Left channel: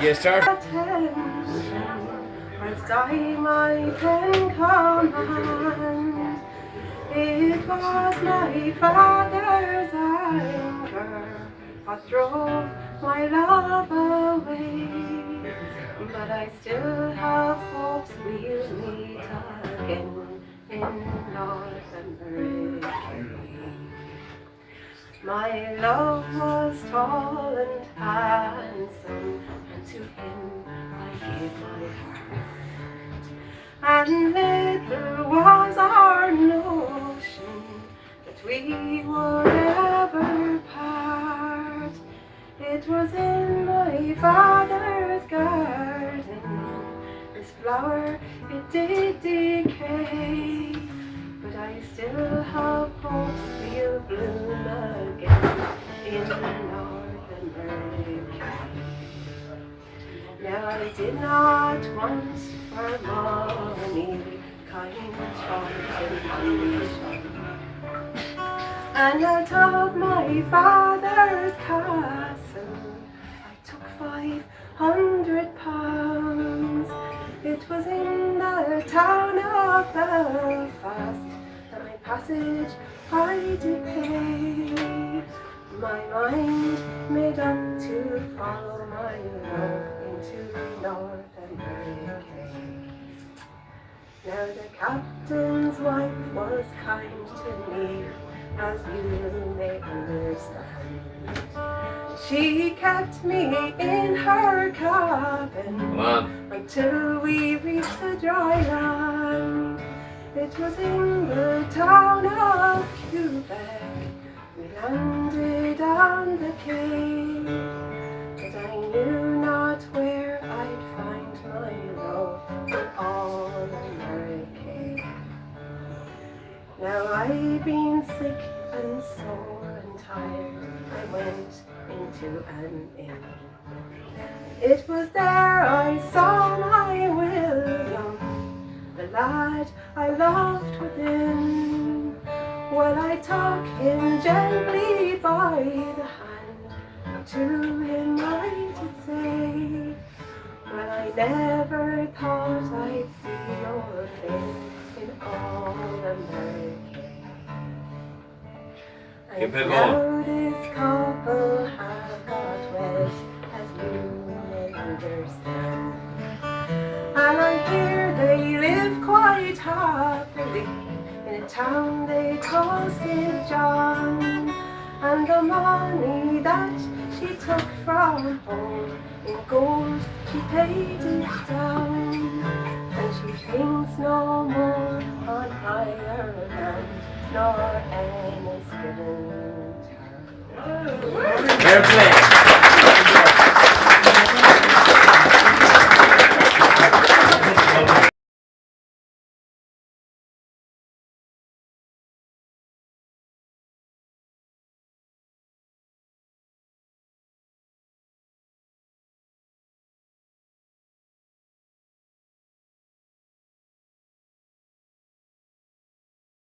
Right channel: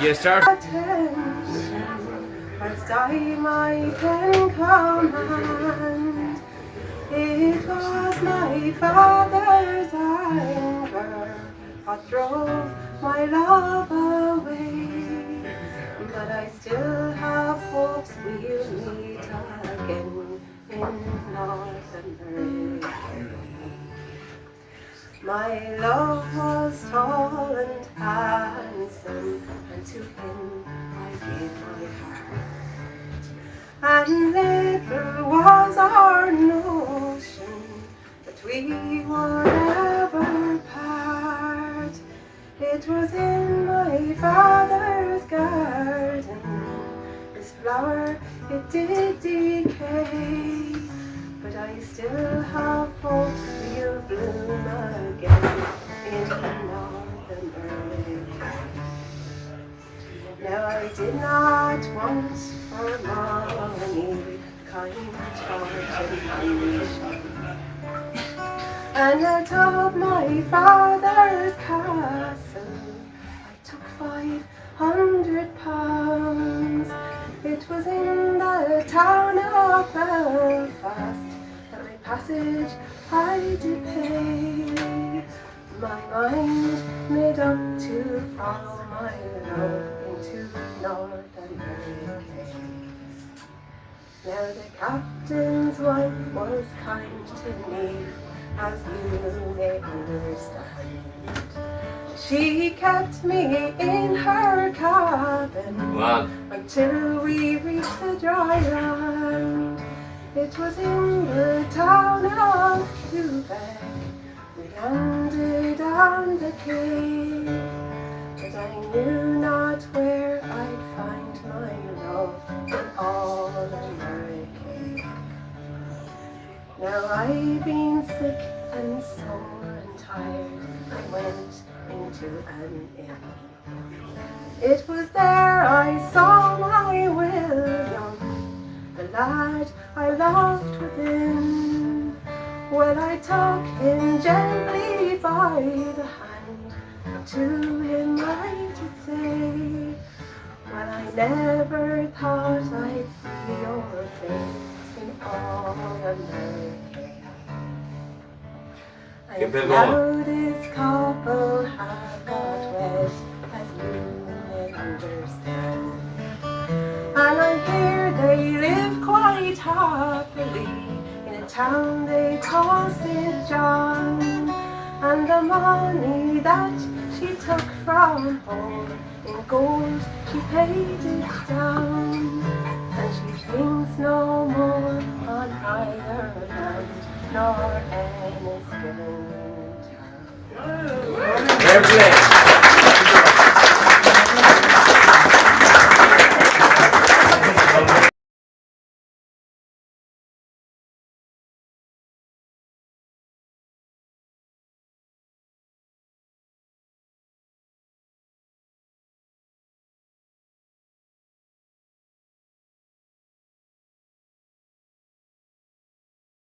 You start. Attention, whilst I might then command. It was my father's anger what drove my love away, but I still have hopes we'll meet again in North America. My love was tall and handsome, and to him I gave my heart. And little was our notion that we would ever part. It was in my father's garden, this flower it did decay, but I still have hopes we'll bloom again in North America. Now I did not want for money, kind fortune ambition, and out of my father's castle I took £500. It was in the town of Belfast that my passage I did pay. My mind made up to follow my love into North America. Now the captain's wife was kind to me, as you may understand. She kept me in her cabin until we reached the dry land. It was in the town of Quebec we landed on the Cape, but I knew not where I'd find my love in all America. Now I've been sick and sore and tired, I went into an inn. It was there I saw my William, the lad I loved within. Well, I took him gently by the hand, and to him I did say, well, I never thought I'd see your face in all America. And now this couple have got wed, as you may understand, and I hear they live quite happily in a town they call St. John. And the money that she took from home in gold she paid it down, and she thinks no more on Ireland nor Enniskillen town.